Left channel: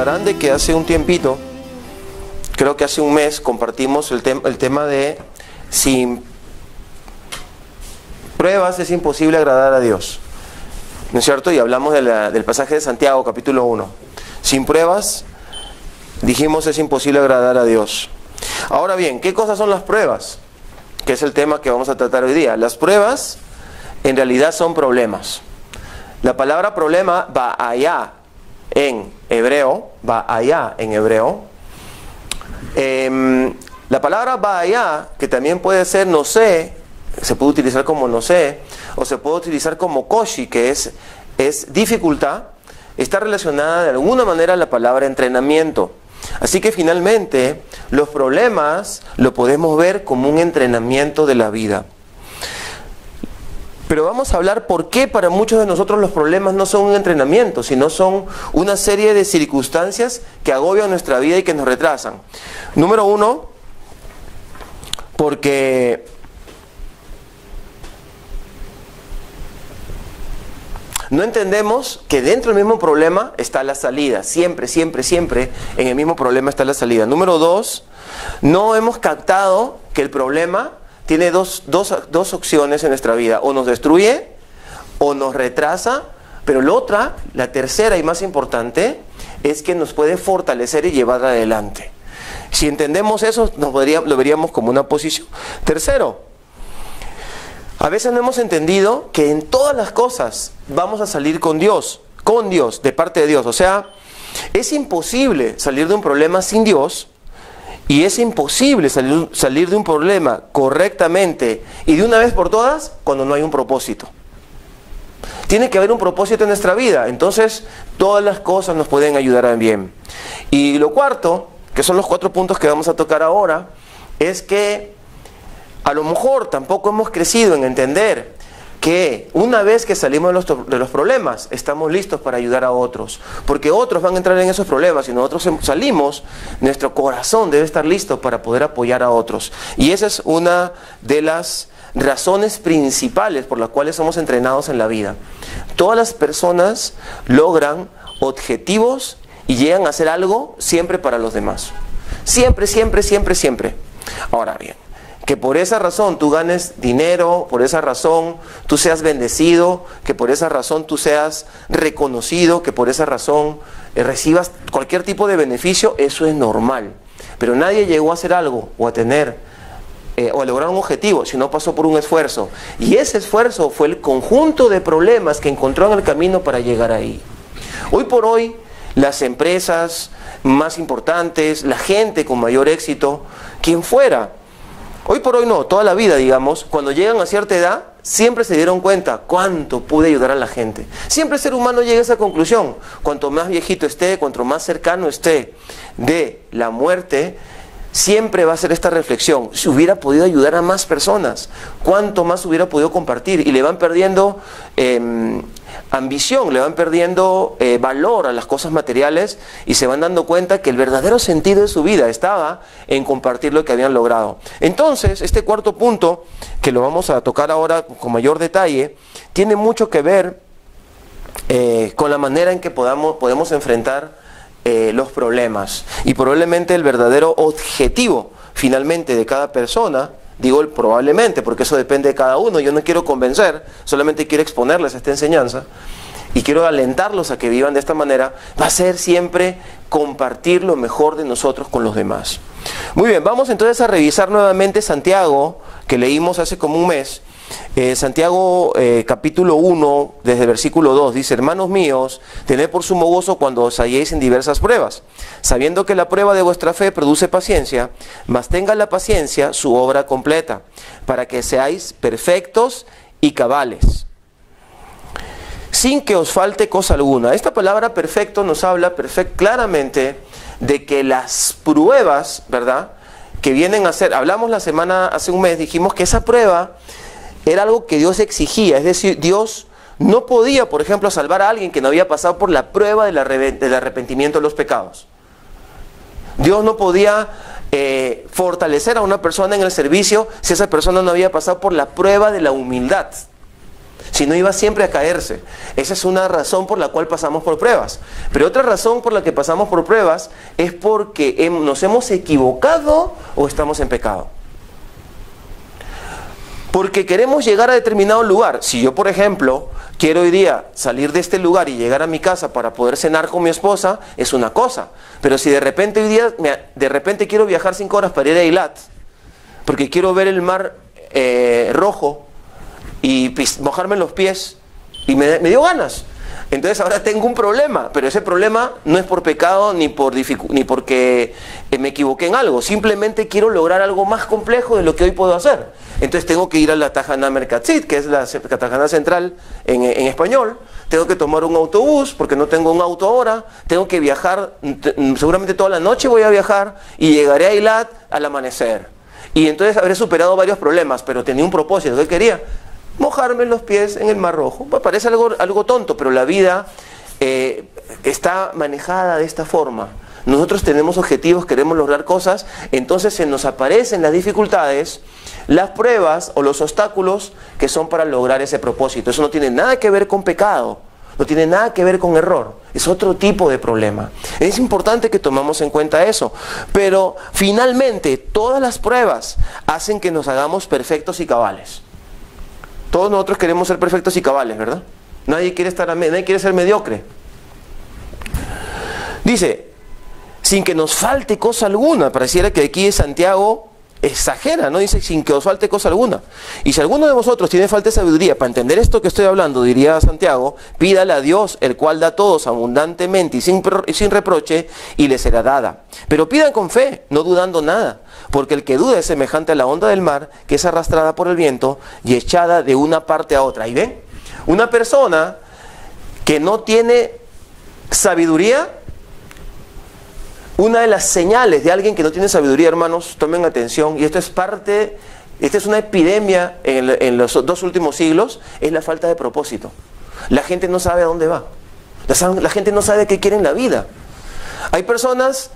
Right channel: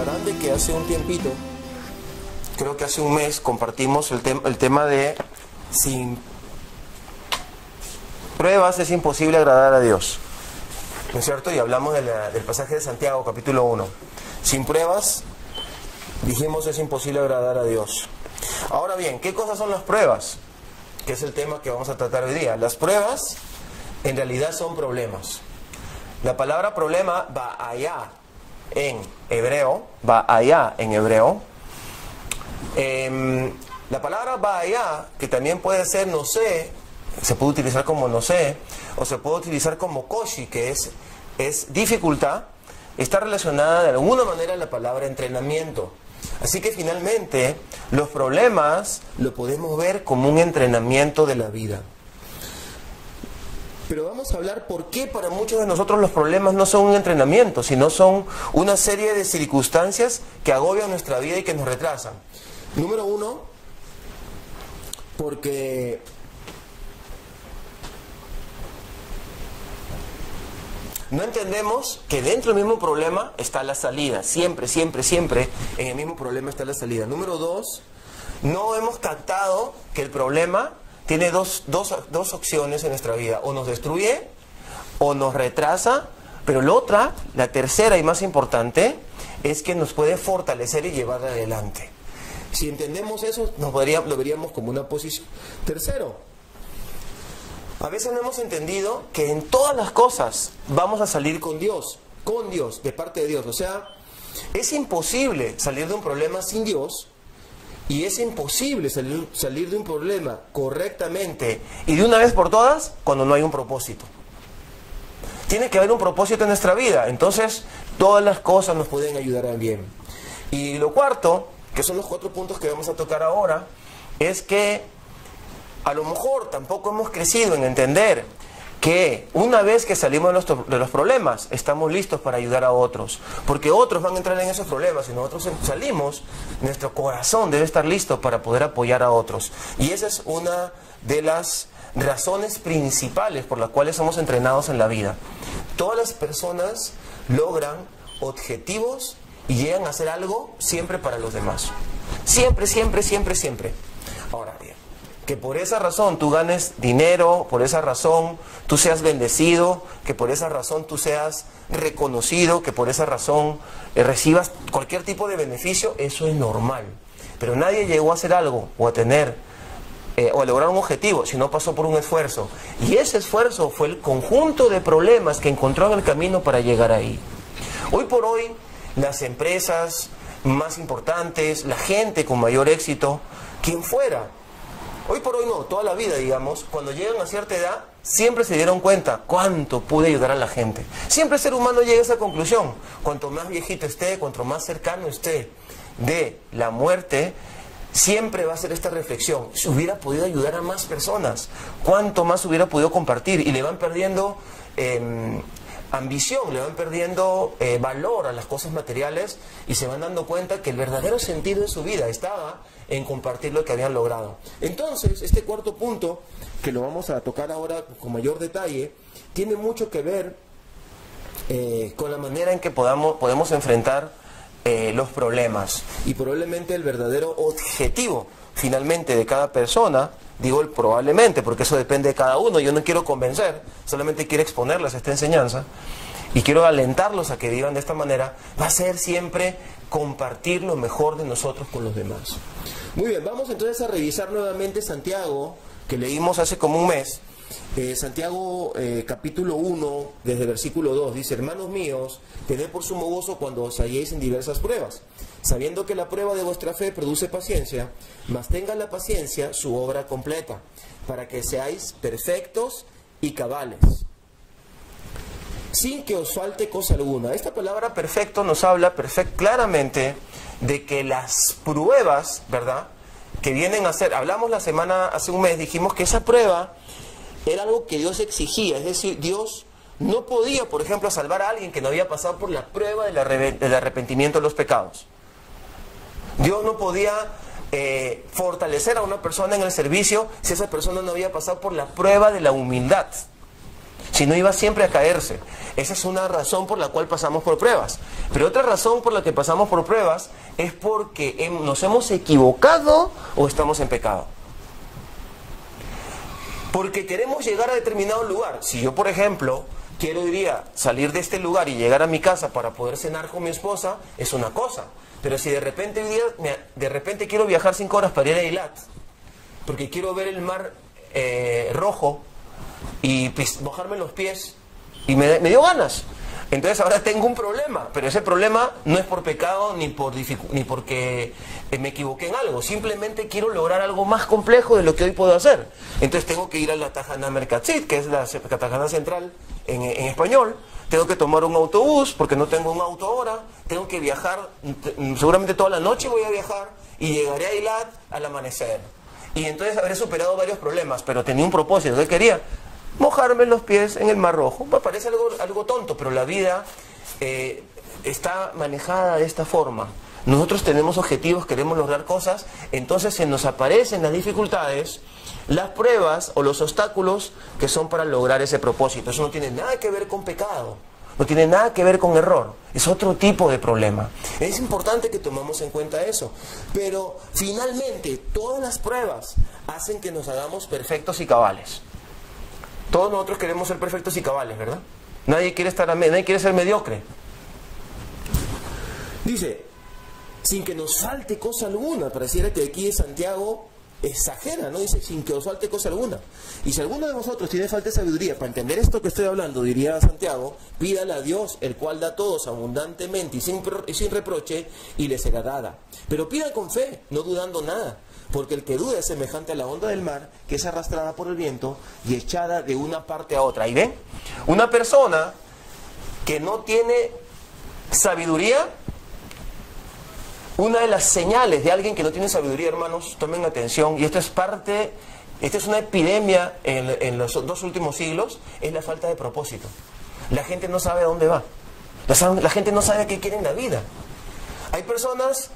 recordarán de que hace un tiempito, creo que hace un mes, compartimos el tema de sin pruebas es imposible agradar a Dios, ¿no es cierto? Y hablamos del pasaje de Santiago, capítulo 1. Sin pruebas, dijimos, es imposible agradar a Dios. Ahora bien, ¿qué cosas son las pruebas? Que es el tema que vamos a tratar hoy día. Las pruebas, en realidad, son problemas. La palabra problema va allá en hebreo, la palabra va allá, que también puede ser no sé, se puede utilizar como no sé, o se puede utilizar como koshi, que es dificultad, está relacionada de alguna manera a la palabra entrenamiento. Así que finalmente, los problemas lo podemos ver como un entrenamiento de la vida. Pero vamos a hablar por qué para muchos de nosotros los problemas no son un entrenamiento, sino son una serie de circunstancias que agobian nuestra vida y que nos retrasan. Número uno, porque no entendemos que dentro del mismo problema está la salida. Siempre en el mismo problema está la salida. Número dos, no hemos captado que el problema tiene dos opciones en nuestra vida. O nos destruye o nos retrasa, pero la tercera y más importante, es que nos puede fortalecer y llevar adelante. Si entendemos eso, lo veríamos como una posición. Tercero, a veces no hemos entendido que en todas las cosas vamos a salir con Dios, de parte de Dios. O sea, es imposible salir de un problema sin Dios. Y es imposible salir de un problema correctamente y de una vez por todas cuando no hay un propósito. Tiene que haber un propósito en nuestra vida. Entonces, todas las cosas nos pueden ayudar a bien. Y lo cuarto, que son los 4 puntos que vamos a tocar ahora, es que a lo mejor tampoco hemos crecido en entender que una vez que salimos de los problemas, estamos listos para ayudar a otros. Porque otros van a entrar en esos problemas y nosotros salimos, nuestro corazón debe estar listo para poder apoyar a otros. Y esa es una de las razones principales por las cuales somos entrenados en la vida. Todas las personas logran objetivos y llegan a hacer algo siempre para los demás. Siempre. Ahora bien, que por esa razón tú ganes dinero, por esa razón tú seas bendecido, que por esa razón tú seas reconocido, que por esa razón recibas cualquier tipo de beneficio, eso es normal. Pero nadie llegó a hacer algo o a tener o a lograr un objetivo si no pasó por un esfuerzo. Y ese esfuerzo fue el conjunto de problemas que encontró en el camino para llegar ahí. Hoy por hoy, las empresas más importantes, la gente con mayor éxito, quien fuera, hoy por hoy no, toda la vida, digamos, cuando llegan a cierta edad, siempre se dieron cuenta cuánto pude ayudar a la gente. Siempre el ser humano llega a esa conclusión. Cuanto más viejito esté, cuanto más cercano esté de la muerte, siempre va a ser esta reflexión. Si hubiera podido ayudar a más personas, cuánto más hubiera podido compartir. Y le van perdiendo ambición, le van perdiendo valor a las cosas materiales y se van dando cuenta que el verdadero sentido de su vida estaba en compartir lo que habían logrado. Entonces, este cuarto punto, que lo vamos a tocar ahora con mayor detalle, tiene mucho que ver con la manera en que podemos enfrentar los problemas. Y probablemente el verdadero objetivo finalmente de cada persona, digo probablemente porque eso depende de cada uno, yo no quiero convencer, solamente quiero exponerles esta enseñanza y quiero alentarlos a que vivan de esta manera, va a ser siempre compartir lo mejor de nosotros con los demás. Muy bien, vamos entonces a revisar nuevamente Santiago, que leímos hace como un mes. Santiago capítulo 1, desde el versículo 2, dice: hermanos míos, tened por sumo gozo cuando os halléis en diversas pruebas, sabiendo que la prueba de vuestra fe produce paciencia, mas tenga la paciencia su obra completa, para que seáis perfectos y cabales, sin que os falte cosa alguna. Esta palabra perfecto nos habla claramente de que las pruebas, ¿verdad?, que vienen a ser, hablamos hace un mes, dijimos que esa prueba era algo que Dios exigía. Es decir, Dios no podía, por ejemplo, salvar a alguien que no había pasado por la prueba del arrepentimiento de los pecados. Dios no podía fortalecer a una persona en el servicio si esa persona no había pasado por la prueba de la humildad. Si no, iba siempre a caerse. Esa es una razón por la cual pasamos por pruebas. Pero otra razón por la que pasamos por pruebas es porque nos hemos equivocado o estamos en pecado. Porque queremos llegar a determinado lugar. Si yo, por ejemplo, quiero hoy día salir de este lugar y llegar a mi casa para poder cenar con mi esposa, es una cosa. Pero si de repente hoy día, de repente quiero viajar 5 horas para ir a Eilat, porque quiero ver el mar rojo y mojarme los pies, y me dio ganas. Entonces ahora tengo un problema, pero ese problema no es por pecado ni porque me equivoqué en algo. Simplemente quiero lograr algo más complejo de lo que hoy puedo hacer. Entonces tengo que ir a la Tajana Mercatzit, que es la Tajana Central en español. Tengo que tomar un autobús porque no tengo un auto ahora. Tengo que viajar, seguramente toda la noche voy a viajar y llegaré a Eilat al amanecer. Y entonces habré superado varios problemas, pero tenía un propósito. ¿Qué quería? Mojarme los pies en el Mar Rojo. Pues parece algo tonto, pero la vida está manejada de esta forma. Nosotros tenemos objetivos, queremos lograr cosas, entonces se nos aparecen las dificultades, las pruebas o los obstáculos que son para lograr ese propósito. Eso no tiene nada que ver con pecado, no tiene nada que ver con error, es otro tipo de problema. Es importante que tomemos en cuenta eso, pero finalmente todas las pruebas hacen que nos hagamos perfectos y cabales. Todos nosotros queremos ser perfectos y cabales, ¿verdad? Nadie quiere ser mediocre. Dice, sin que nos falte cosa alguna. Pareciera que aquí Santiago exagera, ¿no? Dice, sin que os falte cosa alguna. Y si alguno de vosotros tiene falta de sabiduría, para entender esto que estoy hablando, diría Santiago, pídale a Dios, el cual da a todos abundantemente y sin reproche, y le será dada. Pero pidan con fe, no dudando nada. Porque el que duda es semejante a la onda del mar, que es arrastrada por el viento y echada de una parte a otra. ¿Y ven? Una persona que no tiene sabiduría, una de las señales de alguien que no tiene sabiduría, hermanos, tomen atención, y esta es una epidemia en los 2 últimos siglos, es la falta de propósito. La gente no sabe a dónde va. La gente no sabe qué quiere en la vida. Hay personas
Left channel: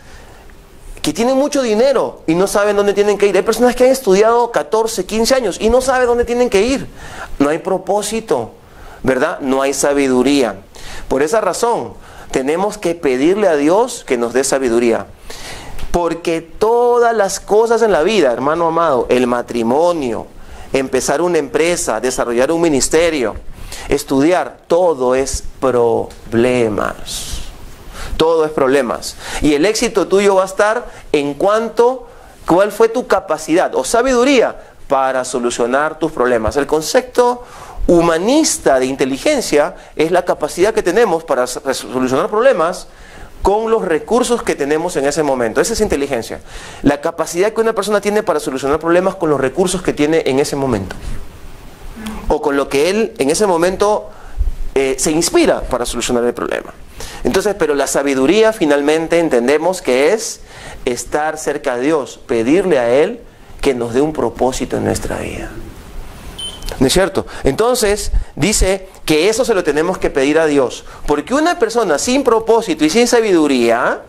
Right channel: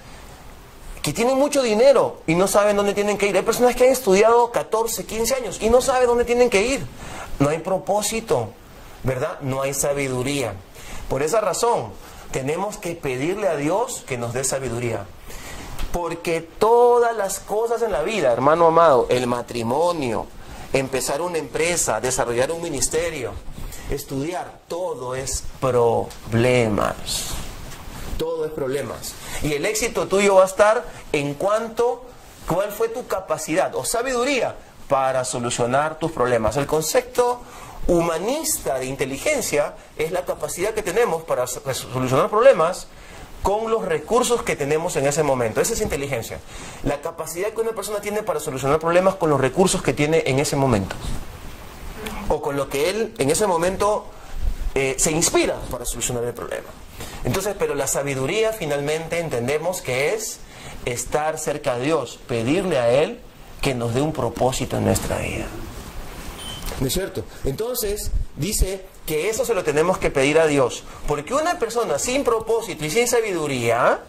que tienen mucho dinero y no saben dónde tienen que ir. Hay personas que han estudiado 14, 15 años y no saben dónde tienen que ir. No hay propósito, ¿verdad? No hay sabiduría. Por esa razón, tenemos que pedirle a Dios que nos dé sabiduría. Porque todas las cosas en la vida, hermano amado, el matrimonio, empezar una empresa, desarrollar un ministerio, estudiar, todo es problemas. Todo es problemas. Y el éxito tuyo va a estar en cuál fue tu capacidad o sabiduría para solucionar tus problemas. El concepto humanista de inteligencia es la capacidad que tenemos para solucionar problemas con los recursos que tenemos en ese momento. Esa es inteligencia. La capacidad que una persona tiene para solucionar problemas con los recursos que tiene en ese momento. O con lo que él en ese momento se inspira para solucionar el problema. Entonces, pero la sabiduría finalmente entendemos que es estar cerca de Dios, pedirle a Él que nos dé un propósito en nuestra vida. ¿No es cierto? Entonces, dice que eso se lo tenemos que pedir a Dios. Porque una persona sin propósito y sin sabiduría,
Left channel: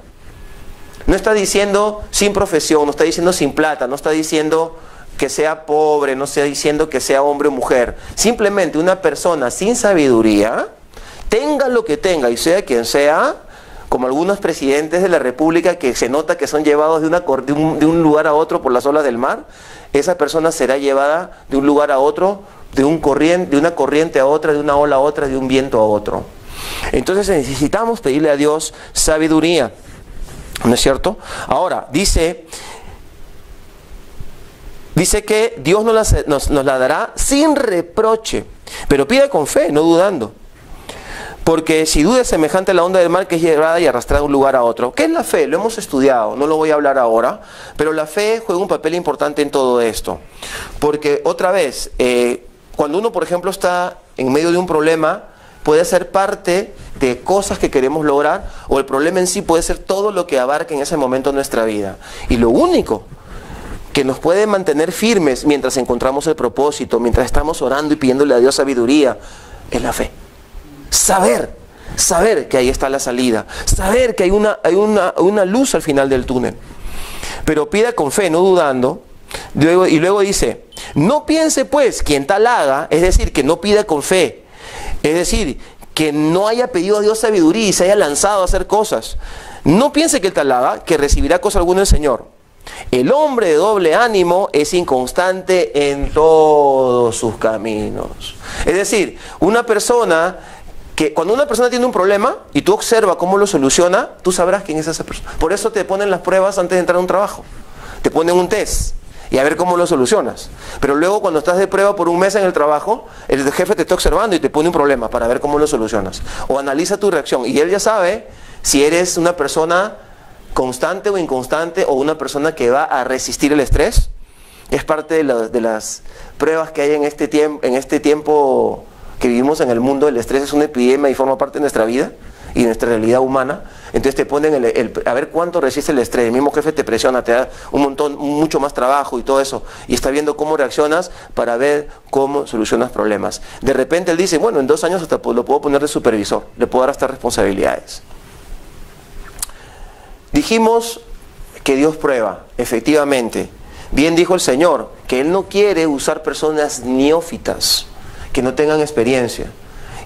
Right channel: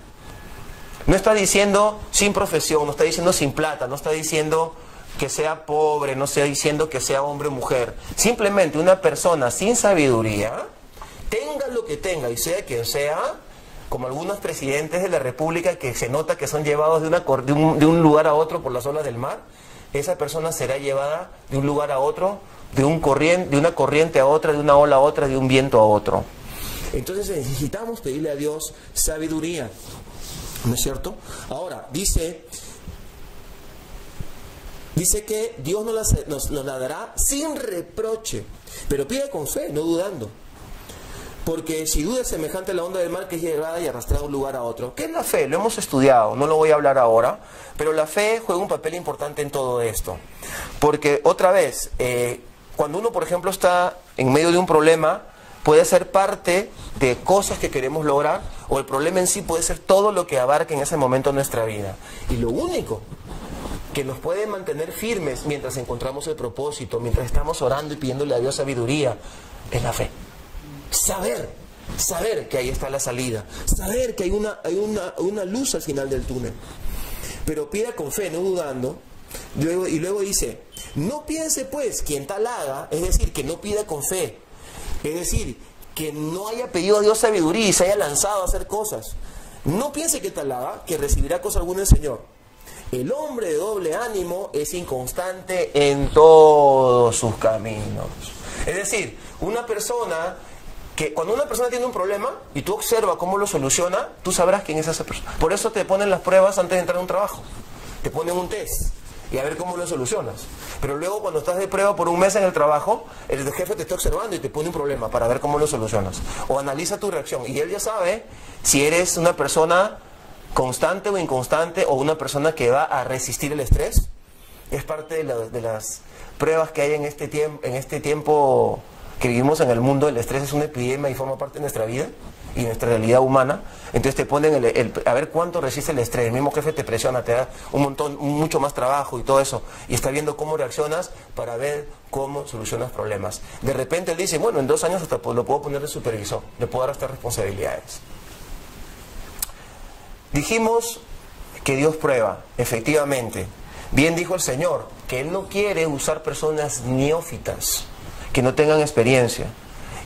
no está diciendo sin profesión, no está diciendo sin plata, no está diciendo que sea pobre, no está diciendo que sea hombre o mujer. Simplemente una persona sin sabiduría, tenga lo que tenga y sea quien sea, como algunos presidentes de la República que se nota que son llevados de un lugar a otro por las olas del mar, esa persona será llevada de un lugar a otro, de una corriente a otra, de una ola a otra, de un viento a otro. Entonces necesitamos pedirle a Dios sabiduría, ¿no es cierto? Ahora, dice que Dios nos la dará sin reproche, pero pida con fe, no dudando. Porque si duda es semejante a la onda del mar que es llevada y arrastrada de un lugar a otro. ¿Qué es la fe? Lo hemos estudiado, no lo voy a hablar ahora, pero la fe juega un papel importante en todo esto. Porque otra vez, cuando uno por ejemplo está en medio de un problema, puede ser parte de cosas que queremos lograr, o el problema en sí puede ser todo lo que abarque en ese momento nuestra vida. Y lo único que nos puede mantener firmes mientras encontramos el propósito, mientras estamos orando y pidiéndole a Dios sabiduría, es la fe. Saber que ahí está la salida, saber que hay una luz al final del túnel. Pero pida con fe, no dudando. Y luego dice, no piense pues quien tal haga, es decir, que no pida con fe Es decir, que no haya pedido a Dios sabiduría y se haya lanzado a hacer cosas. No piense que el tal haga, que recibirá cosa alguna del Señor. El hombre de doble ánimo es inconstante en todos sus caminos. Es decir, una persona que cuando una persona tiene un problema y tú observas cómo lo soluciona, tú sabrás quién es esa persona. Por eso te ponen las pruebas antes de entrar a un trabajo. Te ponen un test y a ver cómo lo solucionas. Pero luego cuando estás de prueba por un mes en el trabajo, el jefe te está observando y te pone un problema para ver cómo lo solucionas. O analiza tu reacción y él ya sabe si eres una persona constante o inconstante o una persona que va a resistir el estrés. Es parte de las pruebas que hay en este tiempo que vivimos en el mundo. El estrés es una epidemia y forma parte de nuestra vida y de nuestra realidad humana. Entonces te ponen a ver cuánto resiste el estrés. El mismo jefe te presiona, te da mucho más trabajo y todo eso. Y está viendo cómo reaccionas para ver cómo solucionas problemas. De repente él dice, bueno, en 2 años hasta lo puedo poner de supervisor, le puedo dar hasta responsabilidades. Dijimos que Dios prueba, efectivamente. Bien dijo el Señor, que Él no quiere usar personas neófitas, que no tengan experiencia.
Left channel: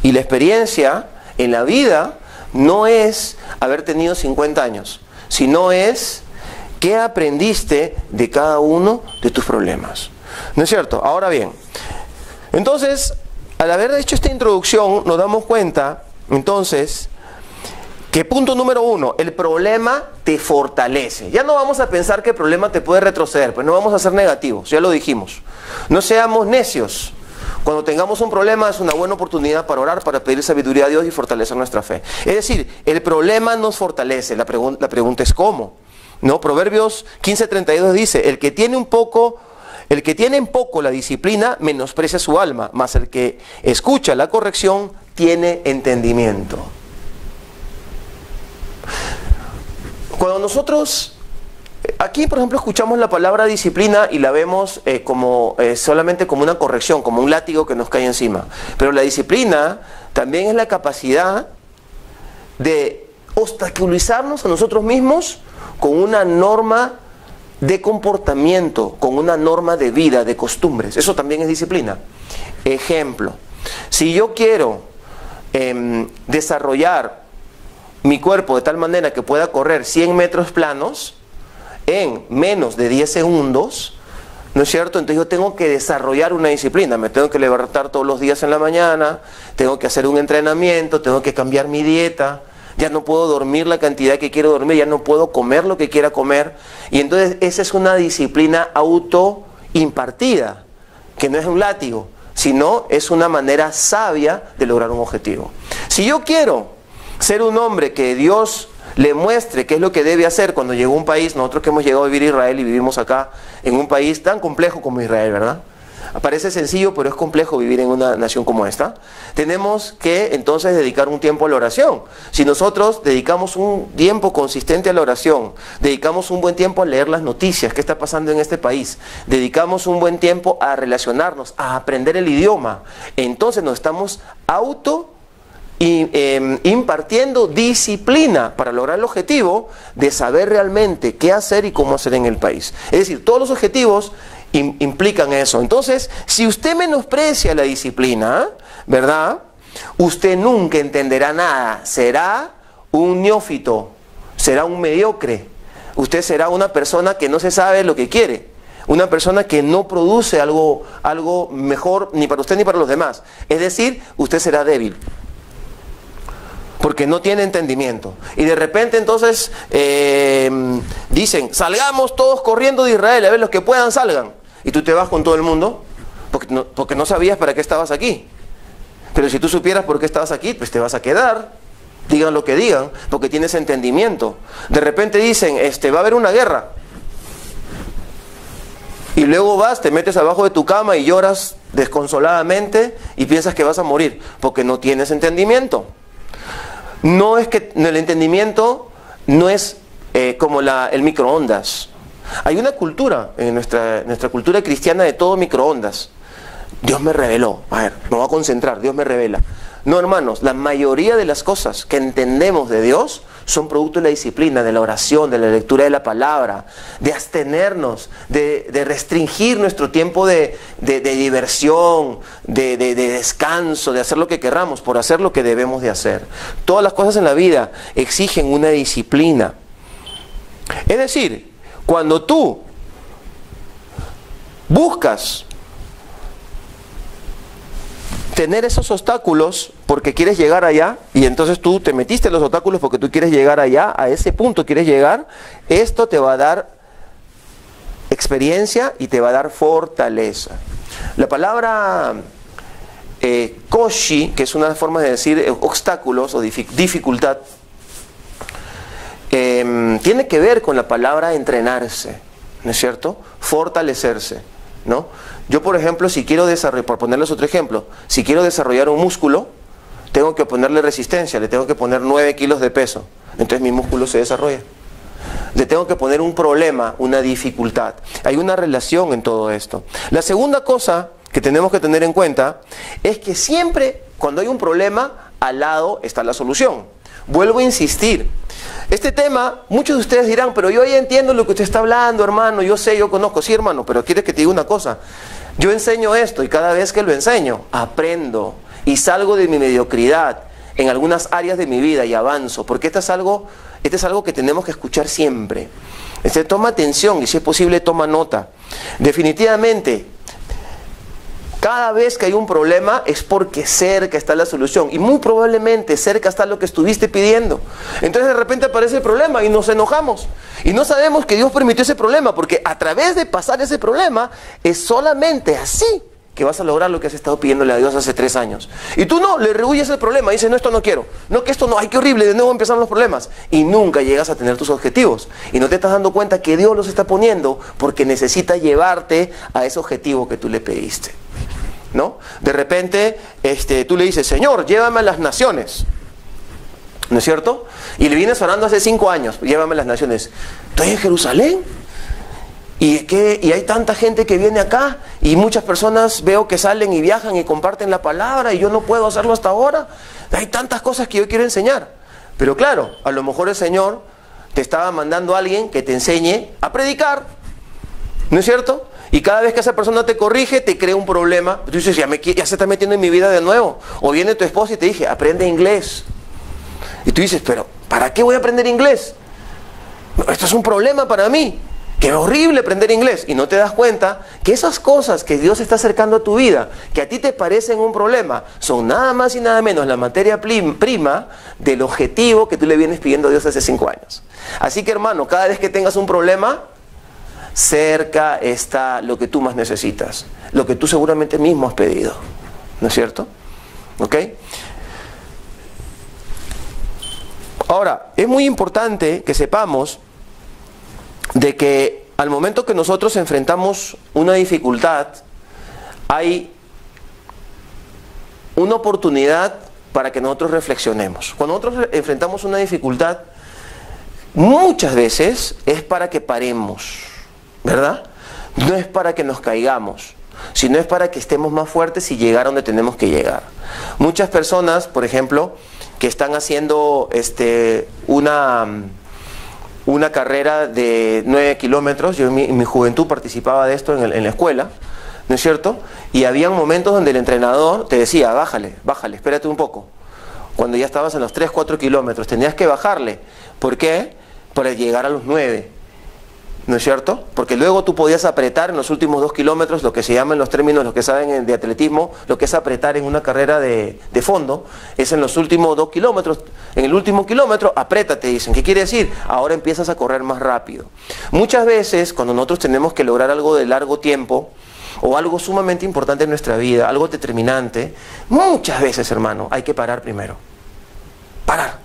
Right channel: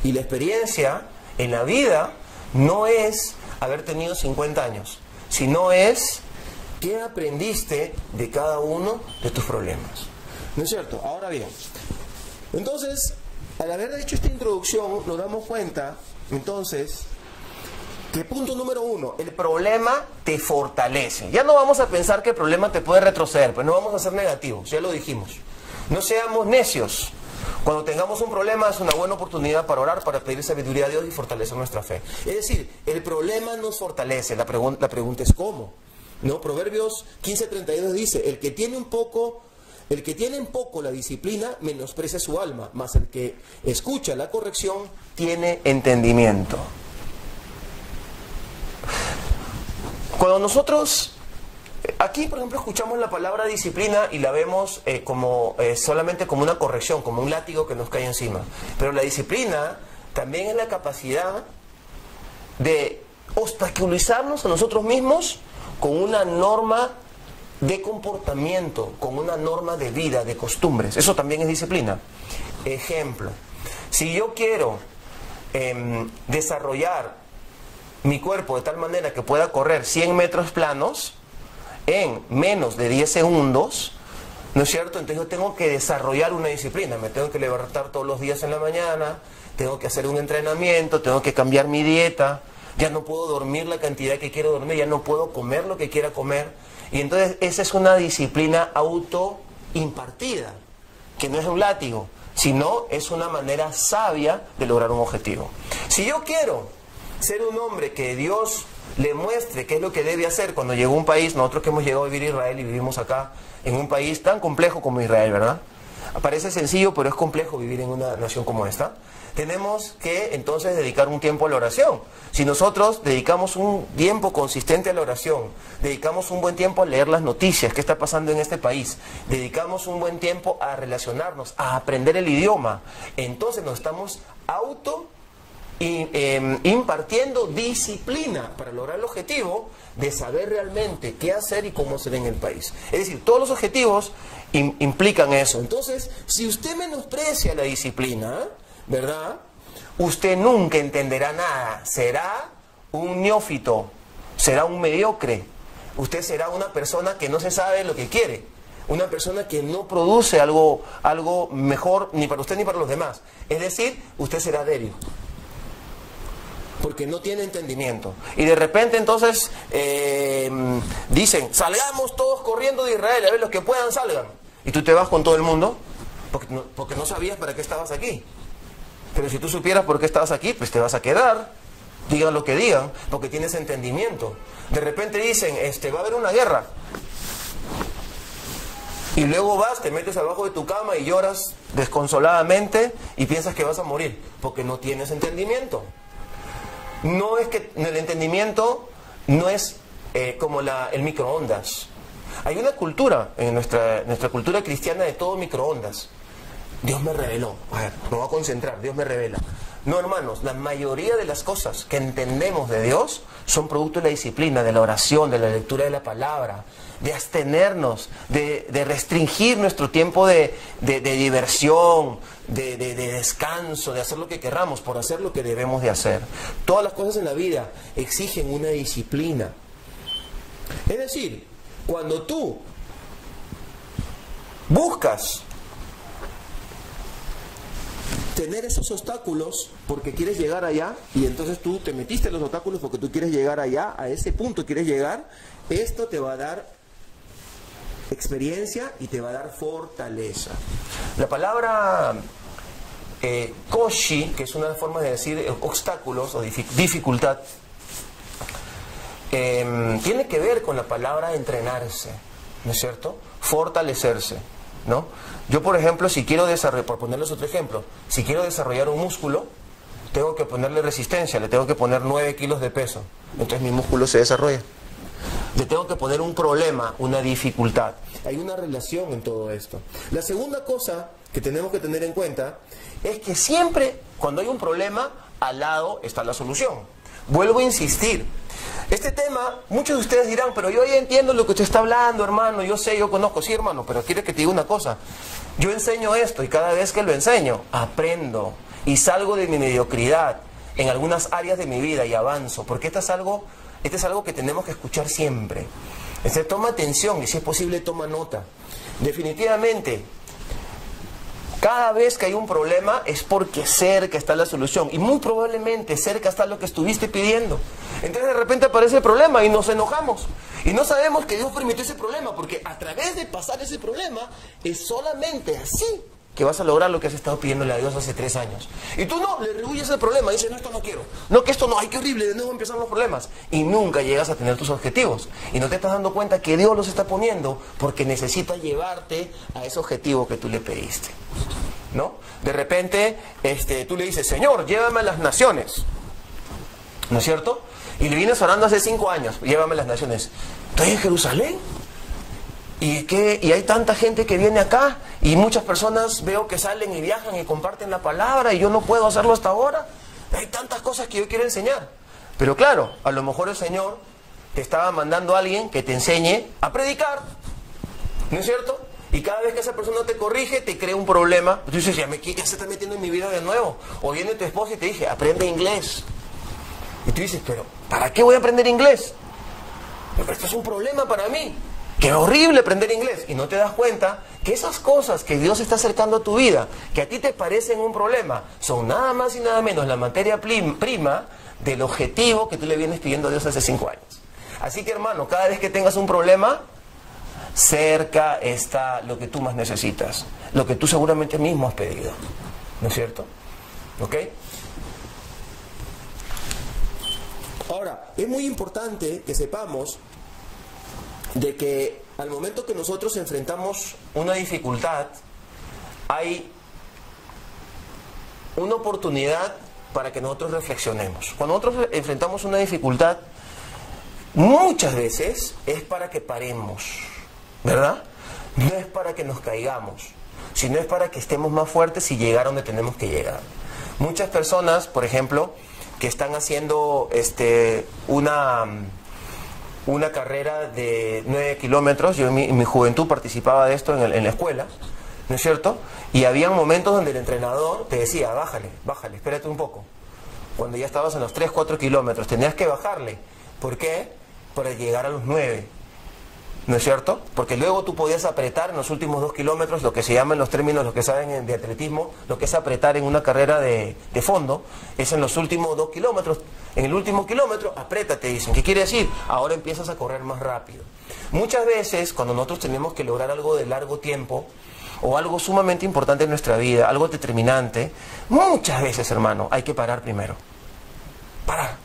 Y la experiencia en la vida no es haber tenido 50 años, sino es qué aprendiste de cada uno de tus problemas. ¿No es cierto? Ahora bien, entonces, al haber hecho esta introducción, nos damos cuenta, entonces, que punto número 1, el problema te fortalece. Ya no vamos a pensar que el problema te puede retroceder, pues no vamos a ser negativos, ya lo dijimos. No seamos necios. Cuando tengamos un problema es una buena oportunidad para orar, para pedir sabiduría a Dios y fortalecer nuestra fe. Es decir, el problema nos fortalece, la pregunta es ¿cómo? ¿No? Proverbios 15:32 dice, el que tiene en poco la disciplina menosprecia su alma, mas el que escucha la corrección tiene entendimiento. Cuando nosotros, aquí por ejemplo escuchamos la palabra disciplina y la vemos solamente como una corrección, como un látigo que nos cae encima. Pero la disciplina también es la capacidad de obstaculizarnos a nosotros mismos con una norma de comportamiento, con una norma de vida, de costumbres. Eso también es disciplina. Ejemplo, si yo quiero desarrollar mi cuerpo de tal manera que pueda correr 100 metros planos en menos de 10 segundos, ¿no es cierto? Entonces yo tengo que desarrollar una disciplina, me tengo que levantar todos los días en la mañana, tengo que hacer un entrenamiento, tengo que cambiar mi dieta, ya no puedo dormir la cantidad que quiero dormir, ya no puedo comer lo que quiera comer, y entonces esa es una disciplina autoimpartida, que no es un látigo, sino es una manera sabia de lograr un objetivo. Si yo quiero ser un hombre que Dios le muestre qué es lo que debe hacer cuando llegó a un país, nosotros que hemos llegado a vivir a Israel y vivimos acá en un país tan complejo como Israel, ¿verdad? Parece sencillo, pero es complejo vivir en una nación como esta. Tenemos que entonces dedicar un tiempo a la oración. Si nosotros dedicamos un tiempo consistente a la oración, dedicamos un buen tiempo a leer las noticias, qué está pasando en este país, dedicamos un buen tiempo a relacionarnos, a aprender el idioma, entonces nos estamos impartiendo disciplina para lograr el objetivo de saber realmente qué hacer y cómo hacer en el país. Es decir, todos los objetivos implican eso. Entonces, si usted menosprecia la disciplina, ¿verdad? Usted nunca entenderá nada. Será un neófito, será un mediocre. Usted será una persona que no se sabe lo que quiere. Una persona que no produce algo mejor ni para usted ni para los demás. Es decir, usted será débil, porque no tiene entendimiento. Y de repente entonces dicen, salgamos todos corriendo de Israel, a ver, los que puedan salgan. Y tú te vas con todo el mundo, porque no sabías para qué estabas aquí. Pero si tú supieras por qué estabas aquí, pues te vas a quedar, digan lo que digan, porque tienes entendimiento. De repente dicen, va a haber una guerra. Y luego vas, te metes abajo de tu cama y lloras desconsoladamente y piensas que vas a morir, porque no tienes entendimiento. No es que el entendimiento no es como el microondas. Hay una cultura, en nuestra cultura cristiana, de todo microondas. Dios me reveló. A ver, me voy a concentrar, Dios me revela. No, hermanos, la mayoría de las cosas que entendemos de Dios son producto de la disciplina, de la oración, de la lectura de la palabra, de abstenernos, de restringir nuestro tiempo de diversión, de descanso, de hacer lo que querramos, por hacer lo que debemos de hacer. Todas las cosas en la vida exigen una disciplina. Es decir, cuando tú buscas tener esos obstáculos porque quieres llegar allá, y entonces tú te metiste en los obstáculos porque tú quieres llegar allá, a ese punto quieres llegar, esto te va a dar experiencia y te va a dar fortaleza. La palabra koshi, que es una forma de decir obstáculos o dificultad, tiene que ver con la palabra entrenarse, ¿no es cierto? Fortalecerse, ¿no? Yo, por ejemplo, si quiero desarrollar, por ponerles otro ejemplo, si quiero desarrollar un músculo, tengo que ponerle resistencia, le tengo que poner 9 kilos de peso, entonces mi músculo se desarrolla. Le tengo que poner un problema, una dificultad. Hay una relación en todo esto. La segunda cosa que tenemos que tener en cuenta es que siempre cuando hay un problema, al lado está la solución. Vuelvo a insistir. Este tema, muchos de ustedes dirán, pero yo ya entiendo lo que usted está hablando, hermano, yo sé, yo conozco. Sí, hermano, pero quiere que te diga una cosa. Yo enseño esto y cada vez que lo enseño, aprendo y salgo de mi mediocridad en algunas áreas de mi vida y avanzo, porque esto es algo que tenemos que escuchar siempre. Toma atención y si es posible toma nota. Definitivamente, cada vez que hay un problema es porque cerca está la solución y muy probablemente cerca está lo que estuviste pidiendo. Entonces de repente aparece el problema y nos enojamos y no sabemos que Dios permitió ese problema, porque a través de pasar ese problema es solamente así que vas a lograr lo que has estado pidiéndole a Dios hace 3 años. Y tú no, le rehuyes el problema, dices, no, esto no quiero, no, que esto no, ay, qué horrible, de nuevo empiezan los problemas. Y nunca llegas a tener tus objetivos. Y no te estás dando cuenta que Dios los está poniendo porque necesita llevarte a ese objetivo que tú le pediste, ¿no? De repente, tú le dices, Señor, llévame a las naciones, ¿no es cierto? Y le vienes orando hace 5 años, llévame a las naciones. Estoy en Jerusalén. Y hay tanta gente que viene acá y muchas personas veo que salen y viajan y comparten la palabra y yo no puedo hacerlo hasta ahora. Hay tantas cosas que yo quiero enseñar. Pero claro, a lo mejor el Señor te estaba mandando a alguien que te enseñe a predicar, ¿no es cierto? Y cada vez que esa persona te corrige, te crea un problema. Tú dices, ya se está metiendo en mi vida de nuevo. O viene tu esposa y te dice, aprende inglés. Y tú dices, pero ¿para qué voy a aprender inglés? Esto es un problema para mí. Qué horrible aprender inglés. Y no te das cuenta que esas cosas que Dios está acercando a tu vida, que a ti te parecen un problema, son nada más y nada menos la materia prima del objetivo que tú le vienes pidiendo a Dios hace 5 años. Así que, hermano, cada vez que tengas un problema, cerca está lo que tú más necesitas, lo que tú seguramente mismo has pedido, ¿no es cierto? ¿Ok? Ahora, es muy importante que sepamos de que al momento que nosotros enfrentamos una dificultad, hay una oportunidad para que nosotros reflexionemos. Cuando nosotros enfrentamos una dificultad, muchas veces es para que paremos, ¿verdad? No es para que nos caigamos, sino es para que estemos más fuertes y llegar a donde tenemos que llegar. Muchas personas, por ejemplo, que están haciendo una carrera de 9 kilómetros, yo en mi juventud participaba de esto en la escuela, ¿no es cierto? Y había momentos donde el entrenador te decía, bájale, espérate un poco. Cuando ya estabas en los 3, 4 kilómetros, tenías que bajarle. ¿Por qué? Para llegar a los 9, ¿no es cierto? Porque luego tú podías apretar en los últimos 2 kilómetros, lo que se llama en los términos, los que saben de atletismo, lo que es apretar en una carrera de fondo, es en los últimos 2 kilómetros. En el último kilómetro, apriétate, dicen. ¿Qué quiere decir? Ahora empiezas a correr más rápido. Muchas veces, cuando nosotros tenemos que lograr algo de largo tiempo, o algo sumamente importante en nuestra vida, algo determinante, muchas veces, hermano, hay que parar primero. Parar.